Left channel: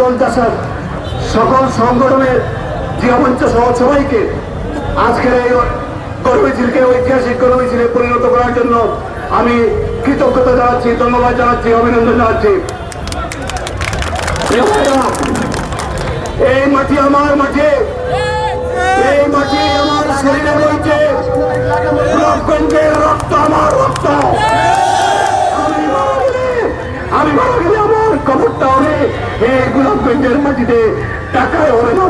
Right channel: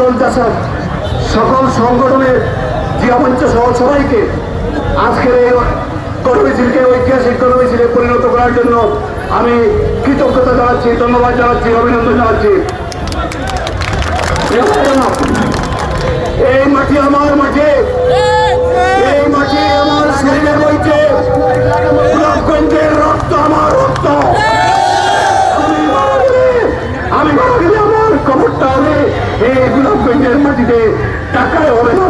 দল চাষার সকল সংগঠনের জিয়ামঞ্চ সহ সবাইকে আজকের এই কর্মীশীলকে ঐতিহাসিক কর্মীশীলে পরিণত করার জন্য আমি কৃতজ্ঞতা জানাচ্ছি, ধন্যবাদ জানাচ্ছি, অভিনন্দন জানাচ্ছি। এই মাটি আমার মাটি, এই মাটি আমার শরীরে গোলাপগঞ্জের রক্ত, আমার রক্ত। আমি আমি এই গোলাপগঞ্জের মাটিতে টাকায় হবে না।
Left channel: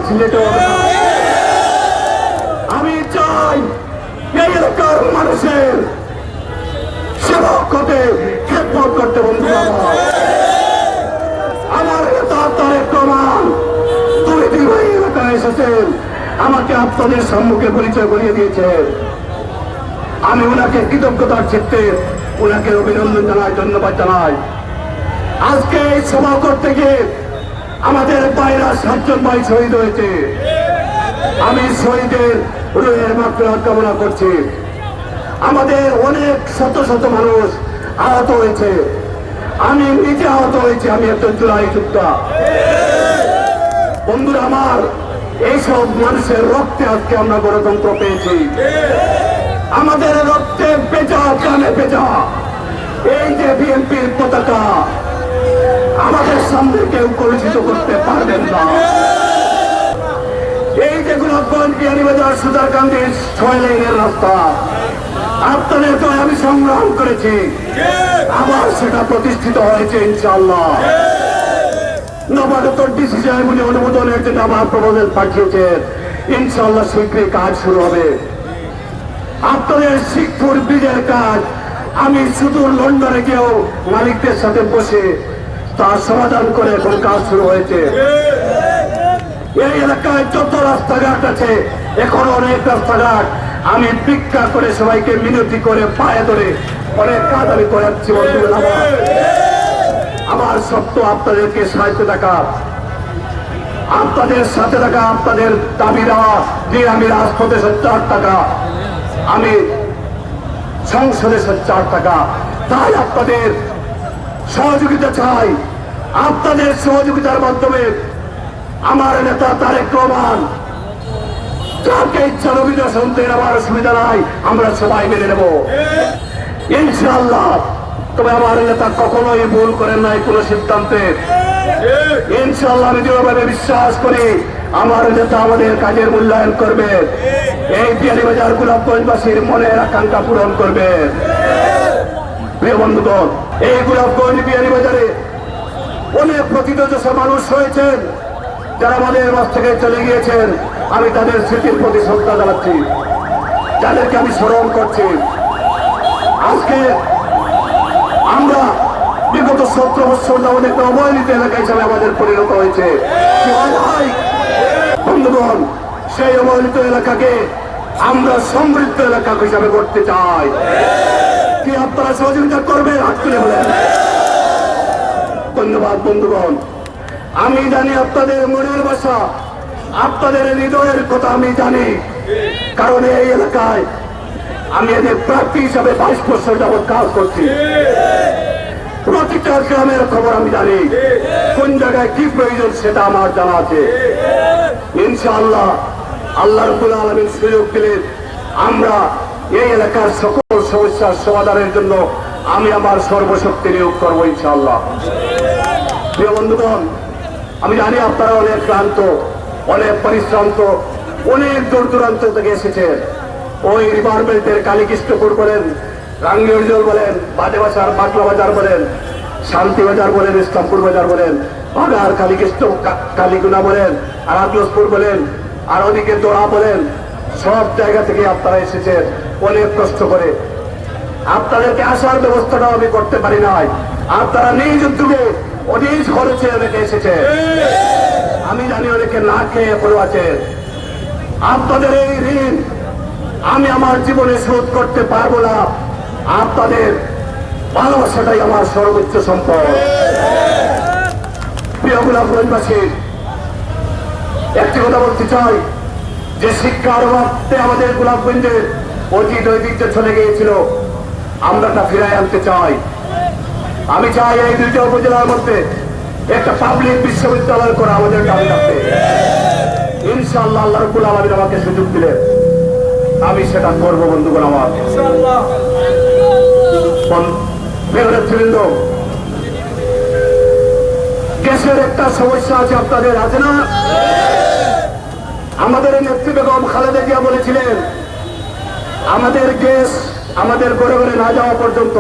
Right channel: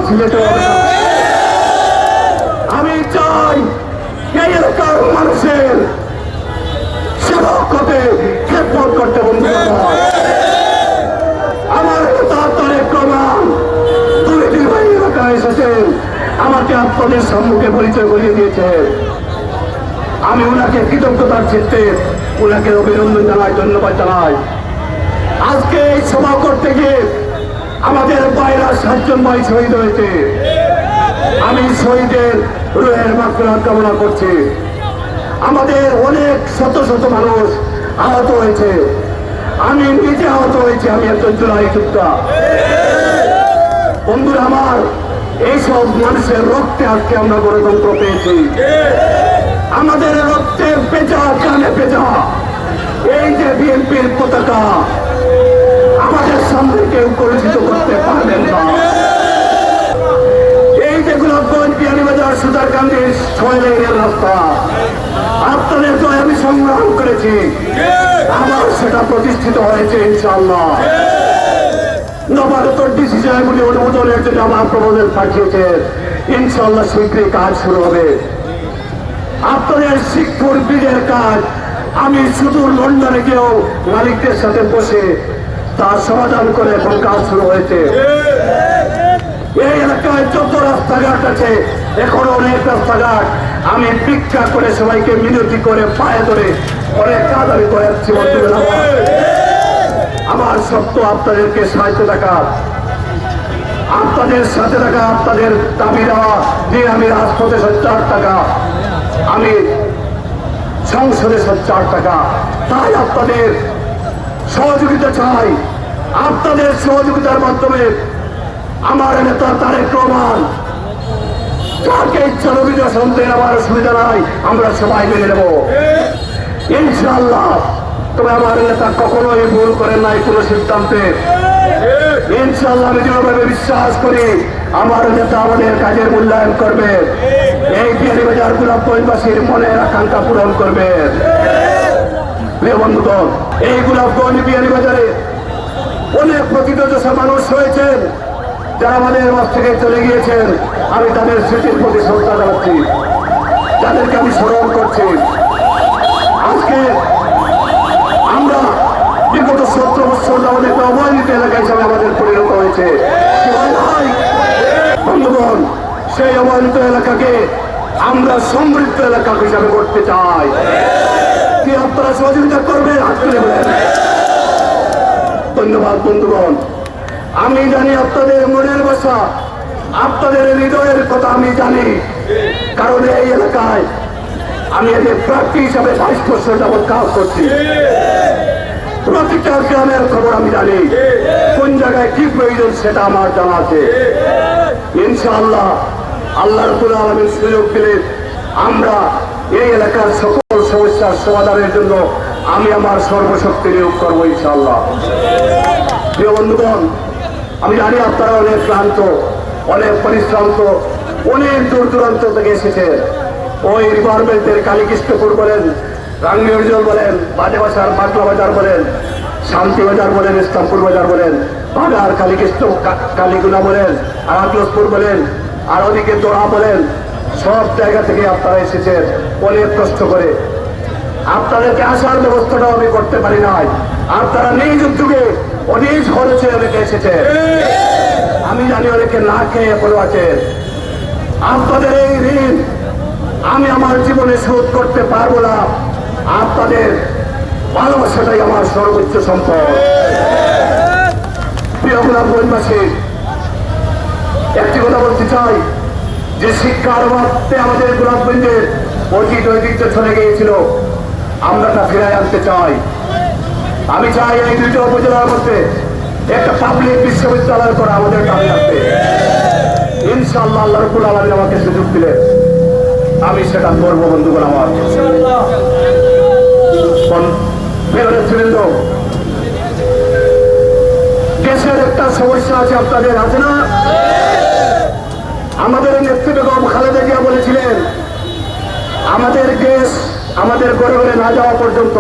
আমি চাই এই এলাকার মানুষের সেবা করতে খেপত করতে বন্ধু আমার তার তারেক প্রমাণ দুই দুই ভাই এলাকায় এসেছেন আমাকে আপনাদের সম্মুখে পরিচয় করিয়ে দিয়েছেন আমি ওনাকে কৃতজ্ঞতার চিত্তে ওনাকে অভিনন্দন জানাই, ধন্যবাদ জানাই। আজকে এই সভা করতে গিয়ে আমাদের বাইরা সাতজন ভাই শহীদ হয়েছে। আমি শহীদের রুহের মাত্রা কামনা করছি। আমাদের অনেক শত শত মানুষ আহত হয়েছে। আমি নিজে আহত হয়েছি, আমি একজন জুলাই যোদ্ধা। বন্ধুরা আমার, এইসব মানুষের রক্তে আজকে আমরা গণতন্ত্র পেয়েছি। আমাদের রক্তে পেঁচা কানে পেঁচা এই যে বিএনপির পতাকা আমাদের সামনে কেউ পরিচিত করতে পারবেন না এই যে গোলাপগঞ্জ বিয়ানীবাজার সুতারকান্দির ছয় রাস্তা। আপনাদের আমি সংগ্রাম করেছি। সেটা প্রতিষ্ঠিত হয়েছে আমি শুধু লন্ডনে গিয়েও মালিকদের সাথে বসে তার সমাধান করে এখন কাজ শুরু হয়েছে। এই এলাকায় যত রাস্তাঘাট আছে এখন অনেক রাস্তাঘাট আমি ভিক্ষা করে সবাইকে মিনতি করে পায়ে ধরে অনেক কাজ আমি করাচ্ছি আমার। সত্য আপনাদেরকে সাহায্য টাকা আপনাদের সাথে টাকা আপনাদের দাবি দেওয়া যে আমি রাজপথে চার টাকা, আমি সংসদে চার টাকা। তাই আপনাদের সহযোগিতা চাই। আপনাদের সহযোগিতার মাধ্যমে আমার নেতা তারেক রহমান ইচ্ছা আমার অসুবিধা নাই, আমরা সবাই মেনে নেব। ইনশাআল্লাহ, তবে আমার নেতা কখনোই ভুল করেন নাই কোনো সিদ্ধান্তে। ইনশাআল্লাহ, আমি বিশ্বাস করি, আমার নেতা আমাদের কাজের মূল্যায়ন করবে। এই বিয়ানীবাজার গোলাপগঞ্জবাসীর মনের আকাঙ্ক্ষা পূরণ করবে। বন্ধুগণ, এই গোলাপগঞ্জ বিয়ানীবাজারে অনেক প্রকৃতদশা মানুষ হয়েছেন যারা আমাদের মাছ থেকে চলে গিয়েছেন, আমি তাদের স্মৃতির প্রতি শ্রদ্ধা জানাচ্ছি। যাদেরকে আমি স্মরণ করছি। আজকে আমরা বিগত সতেরো বছর ধরে একটা অবহেলিত এলাকা হিসাবে আমাদের পরিণত হয়েছে। হয়? বন্ধুগণ, সেই অবহেলিত এলাকাকে আমরা সমৃদ্ধ এলাকা হিসাবে করতে চাই। কি আপনারা সহযোগিতা করবেন? হাত তুলে ধন্যবাদ, বন্ধুগণ। আমি জানি আপনাদের মনের ভাষা, আপনাদের হৃদয়ের কথা আমি জানি। কারণ এই এলাকায় আমি এদের প্রার্থী হিসাবে বাইশ বছর যাবৎ কাজ করছি। প্রতিটা গ্রামের খবর আমি জানি। কোন জায়গায় কি প্রয়োজন সেটা আমার জানা আছে। ইনশাআল্লাহ আল্লাহ রবুল আলমের সুযোগ দিলে আমরা এই এলাকার সকল সমস্যার সমাধানের জন্য আমি আমার সর্বশক্তি নিয়োগ করব ইনশাআল্লাহ। বন্ধুগণ আমি জানি আপনারা অনেক ক্লান্ত, অনেক পরিশ্রান্ত, অনেক দূর দূরান্ত থেকে এসেছেন। ওই রিভারমেন্টের কালীকৃষ্ণপুর বলেন রাঙ্গিজল বলেন বাজে বাসার বাগলা বাজার বলেন শান্তি বাজার বলেন, ইসলামপুর বাজার বলেন বাগার কালীকৃষ্ণ কালীগুলা বলেন, আর আতলসপুর বলেন, আর ওদিকে দোড়া বলেন, সব জায়গা থেকে আপনারা এসেছেন। অনেক কষ্ট করে। আপনাদেরকে আসার ব্যবস্থাটাও আমি করতে পারি নাই। আপনারা নিজ উদ্যোগে অনেক খরচে অনেকে এসেছে। আমি জানি অনেকে না খেয়ে এখনও আছেন আপনাদের এই ঋণ আমি আমার জীবনে শোধ করতে পারব না। আপনাদের ভালোবাসাটাই আমার সর্বোচ্চ সম্পদ। একটি কথা বলতে চাই। যে শিক্ষার অভাবে আমাদের গোলাপগঞ্জের অতীত ঐতিহ্য চলে গিয়েছিল, আমরা তা ফিরাই আনতে চাই। আমি চাই এই দুইটা উপজেলার মধ্যে একটা পাবলিক বিশ্ববিদ্যালয় করা আমাদের দাবি রাখবে ইনশাআল্লাহ আল্লাহ রব্বুল আলামিন আমাকে সুযোগ দিলে আমি সেটা করব বন্ধুগণ আমার। নেতৃবৃন্দ, দেশের একটা সমস্যা আছে আপনাদের আছে না? আমাদের নেত্রী খালেদা জিয়া বলেছিলেন আমাদের গ্যাস আমাদের ঘরে না যাওয়া পর্যন্ত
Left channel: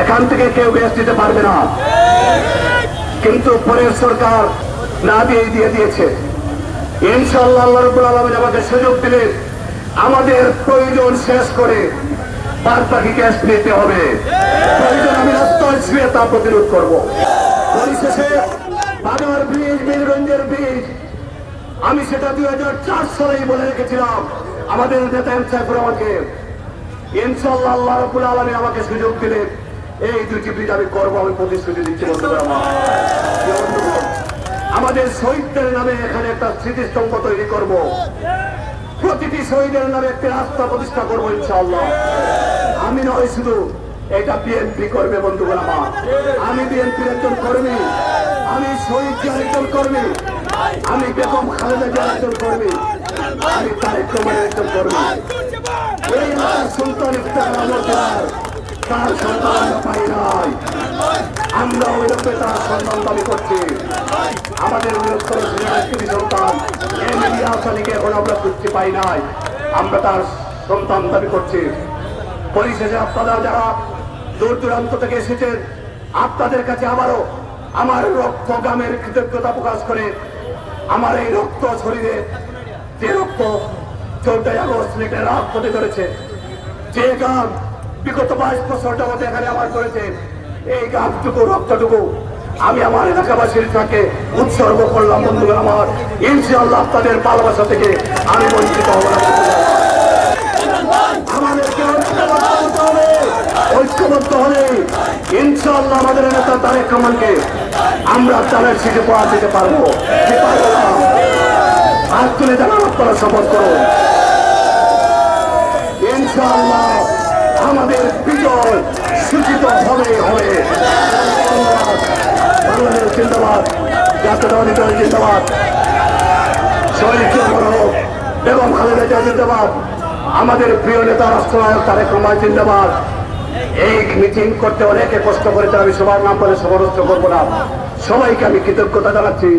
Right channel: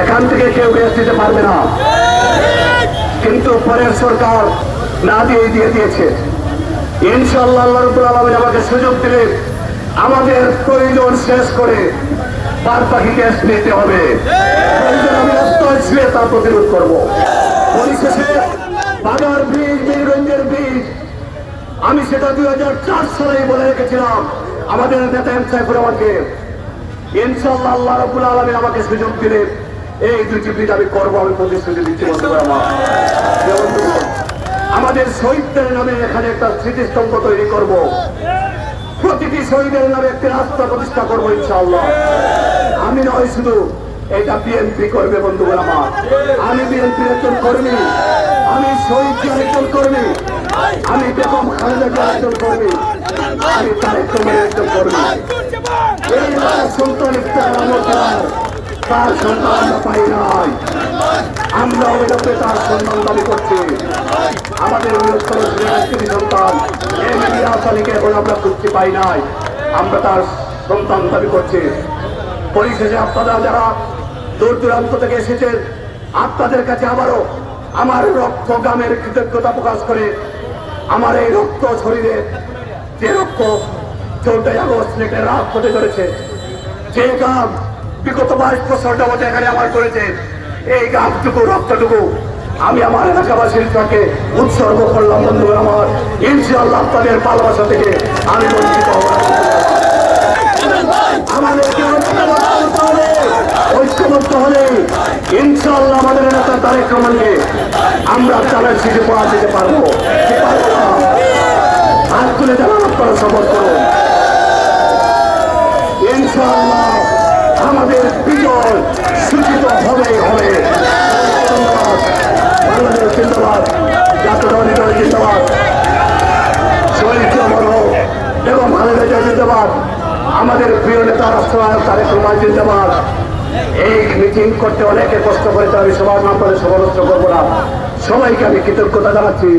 এখান থেকে কেউ গ্যাস দিতে পারবে না। কিন্তু পরের সরকার না দিয়ে দিয়ে দিয়েছে। ইনশাআল্লাহ আল্লাহ রাব্বুল আমাকে সুযোগ দিলেন আমাদের প্রয়োজন শেষ করে বাদ বাকি গ্যাস নিতে হবে। আমি শুয়ে তা প্রতিরোধ করব। পরিশেষে বাদর ব্রিজ, বীরগঞ্জের ব্রিজ, আমি সেটা দুই হাজার চার সালেই বলে রেখেছিলাম। আমাদের নেতা এম সাইফুর আমাকে। ইনশাল্লাহ আল্লাহ আমাকে সুযোগ দিলে এই দুটি ব্রিজ আমি করব, আমি প্রতিশ্রুতি দিচ্ছি আমাদের শহীদদের নামে এখানে একটা স্মৃতিস্তম্ভ তৈরি করব। প্রতিটি শহীদের নামে একটি রাস্তা প্রতিষ্ঠা করব, ইনশাআল্লাহ। আমি নয় শুধু, এটা বিএনপি করবে বন্ধুরা আমার। আমি বিএনপির একজন কর্মী। আমি শহীদ জিয়ার একজন কর্মী। আমি বেগম খালেদা একজন কর্মী। আমি তারেক একজন কর্মী। সুলতান ইফতার তার আমরা পাই নাই আমরা তার সম্মান দাবি করছি আমাদের সন্তান মিডিয়া আমরা খুঁজতে পাই নাই আমরা তার সন্তান দাবি করছি পরিশেষে আপনারা যারা দূর দূরান্ত থেকে এসেছেন আপনাদের কাছে আবারও আমার রক্ত গ্রামের কৃতজ্ঞতা প্রকাশ করে আমার এই রক্ত শরীরে যে রক্ত চৌদ্দই আগস্ট রাত হতে চলেছে যে গ্রাম বিগত বাইশ বছর যাবত এখানে আমার করেছে। এই গ্রামটুকু রক্তটুকু আমি আমার এলাকাবাসীর সঙ্গে উৎসর্গ করলাম বন্ধু আমার। ইনশাআল্লাহ আপনাদের ভালোবাসা থেকে আমি বঞ্চিত ঐক্যবদ্ধ হলে ইনশাআল্লাহ আমাদের এলাকার তারেক আমরা তাদের সিটে পড়া দিতে পারব কি পারব না? হাত তুলে যারা আপনারা শপথ করুন ইনশাআল্লাহ আমাদের বিজয় সূচিত হবে হবে জিন্দাবাদ জাতীয় দল জিন্দাবাদ শহীদ জিন্দাবাদ এবং খালেদা জিয়া জিন্দাবাদ আমাদের প্রিয় নেতা রাষ্ট্রনাথ তারেক রহমান, জিন্দাবাদ। এই মিটিং করতে অনেকে কষ্ট করেছে আমি সবার নাম করে সমালোচনা করব না। সবাইকে আমি কৃতজ্ঞতা জানাচ্ছি।